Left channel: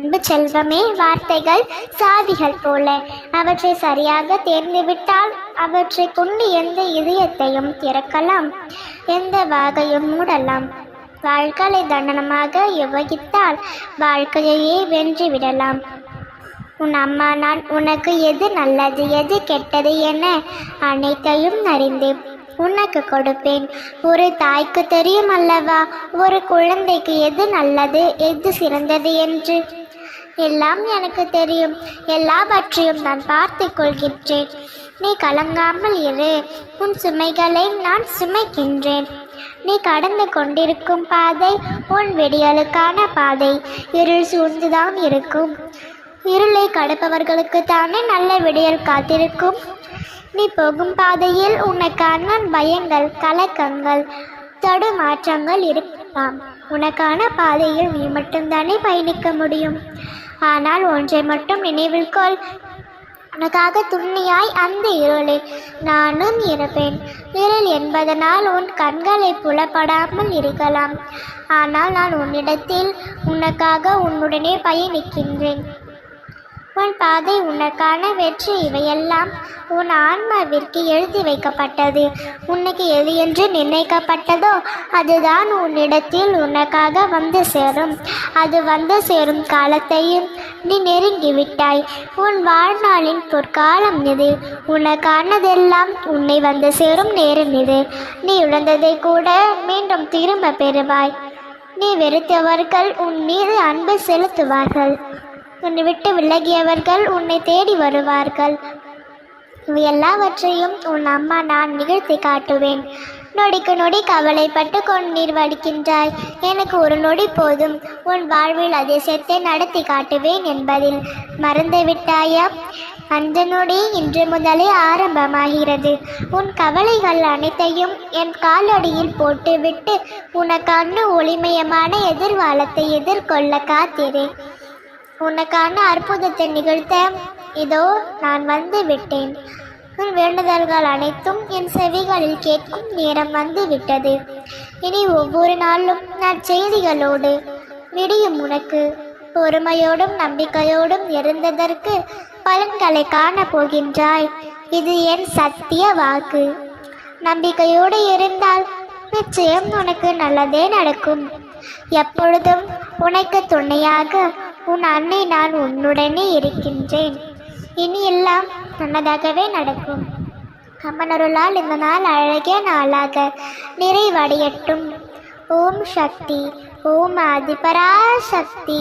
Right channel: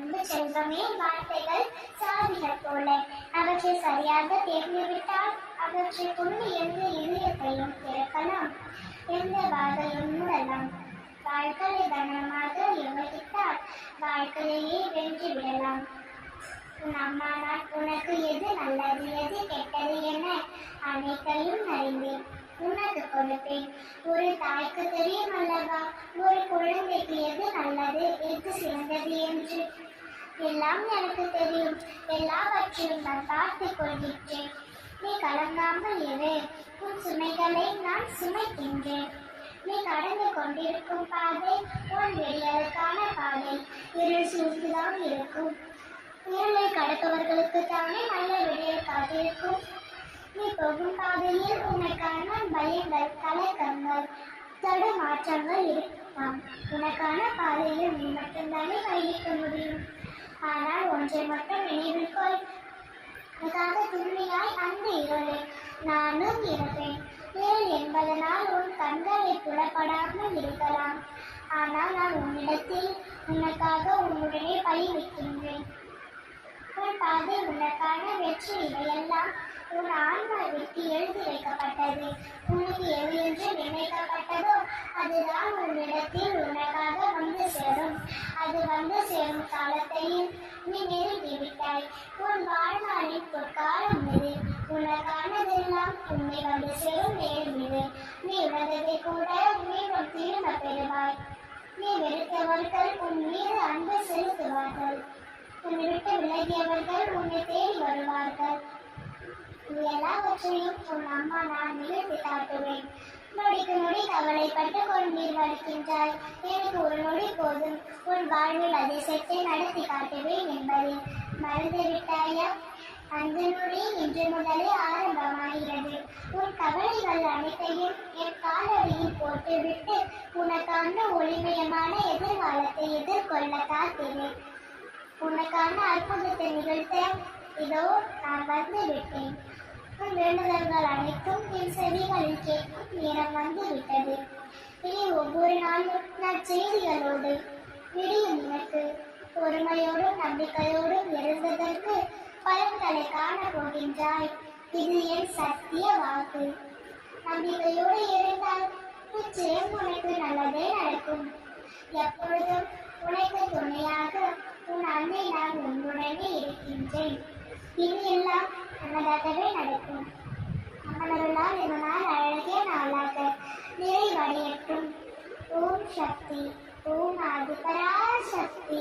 அன்பு செல்வமே, வார்த்தைகள் சாவிகள் போல. அவற்றை சரியாக தேர்ந்துவிட்டால் அவற்றை கொண்டு எந்த இதயத்தையும் திறக்கலாம், எந்த வாகையும் மூடலாம். வாழ்க்கையை தண்டனமாக யுவகித்தால் வாழ்க்கையையே வென்றுவிடலாம். உன் அம்மா நான் உனக்கு எது நல்லது எது கெட்டது என அனைத்தையும் அறிந்து உனக்கு கொடுப்பேன். ஒரு தாய்க்கு தெரியும் அல்லவா ஒரு குழந்தைக்கு எது நல்லது எது சிறந்தது என்று. எல்லாம் எனக்கு தெரியும், எல்லாவற்றையும் நான் பார்த்து கொள்கின்றேன். நீ கலங்காமல் இரு, உன் சுமைகளை நான் சுமைக்கின்றேன். நீ கடந்து கொண்டிருக்கும் பாதை உன் விடியலுக்கான பாதை. இருள் சூழ்ந்துதான் இருக்கும், இருளை கடப்பவர்களுக்கு தானே நல்ல விடியல் காத்திருக்கும். நீ போகும் பாதையில் உனக்கான பயங்கள் கலக்கங்கள் தடுமாற்றங்கள் இருக்கலாம். உனக்கான பாதையில் நீ மட்டும்தானே பயணிக்க முடியும். ஆனால் ஒன்றை மட்டும் நினைவில் கொள், உனக்காக துண்ணியாய் அந்த இருளில் நானும் இருப்பேன். இருள் என்பதனால் உன் கண்களை புலப்படாமல் இருக்கலாம், ஆனால் நான் உன்னிடத்தில் உனக்காக உன்னுடனே பயணிக்கின்றேன். உன் பாதை உனக்கான வெற்றி. இவையெல்லாம் உன் ஆன்மாவிற்கு எழுதி வைக்கப்பட்டது. உனக்கு எது என்று நிர்ணயிக்கப்பட்டதோ அதுதான் உன்னிடத்தில் உனக்காக வந்து சேரும். அது வந்து சேரும் காலத்தையும் நீ நெருங்கிவிட்டாய். உன் வாழ்நாளின் பொற்காலம் இது. உனக்கானதெல்லாம் உன்னை வந்து சேரும் நேரம் இது. நீ இழந்ததை கூட மீண்டும் திரும்ப பெறுவாய். நீ வெறுத்தவர்கள் உன் மீது அன்பு செலுத்துவார்கள். உன்னை விட்டு விலகியவர்கள் உன்னை தேடி வருவார்கள். இவை எல்லாவற்றையும் உன் அம்மா நான் நிகழ்த்தி காட்டுவேன். நொடிக்கு நொடி கவலைப்பட்டு கொண்டீர் வடிக்கின்றாய். எனக்கு ஒரு நொடி போதும் உன் வாழ்வில் அதிசயத்தை நடத்தி காட்டுவேன் என்பதில் மறந்து விட்டாயா? அந்த நொடி இன்று முதலே ஆரம்பமாகிறது. உன் கவலைகள் அனைத்தையும் என் காலடியில் போட்டுவிட்டு உனக்கான ஒளிமயமான எதிர்காலத்தை எதிர்கொள்ள காத்திரு. உனக்கான அற்புதத்தை நிகழ்த்த இதோ நான் வந்து விட்டேன். உன் வேண்டுதல்கள் அனைத்தும் என் செவிகளில் கேட்கும் நேரம் வந்து விட்டது. இனி ஒவ்வொரு நாளும் நான் செய்திகளோடு விடியும். உனக்கு பொறுமையோடும் நம்பிக்கையோடும் இருந்ததற்கு பலன்களை காண போகின்றாய். இது என் சத்திய வாக்கு. நம்பிக்கையோடு இருந்தால் நிச்சயம் உனக்கு நல்லதே நடக்கும். எப்பொழுதும் உனக்கு துணையாக உன் அன்னை நான் உன்னுடனே இருக்கின்றேன். இனி எல்லாம் நல்லதாகவே நடக்கும். அம்மனருளால் இந்த நாள் அழகிய நாளாக நிறைவடையட்டும். ஓம் சக்தி, ஓம் ஆதிபராசக்தி.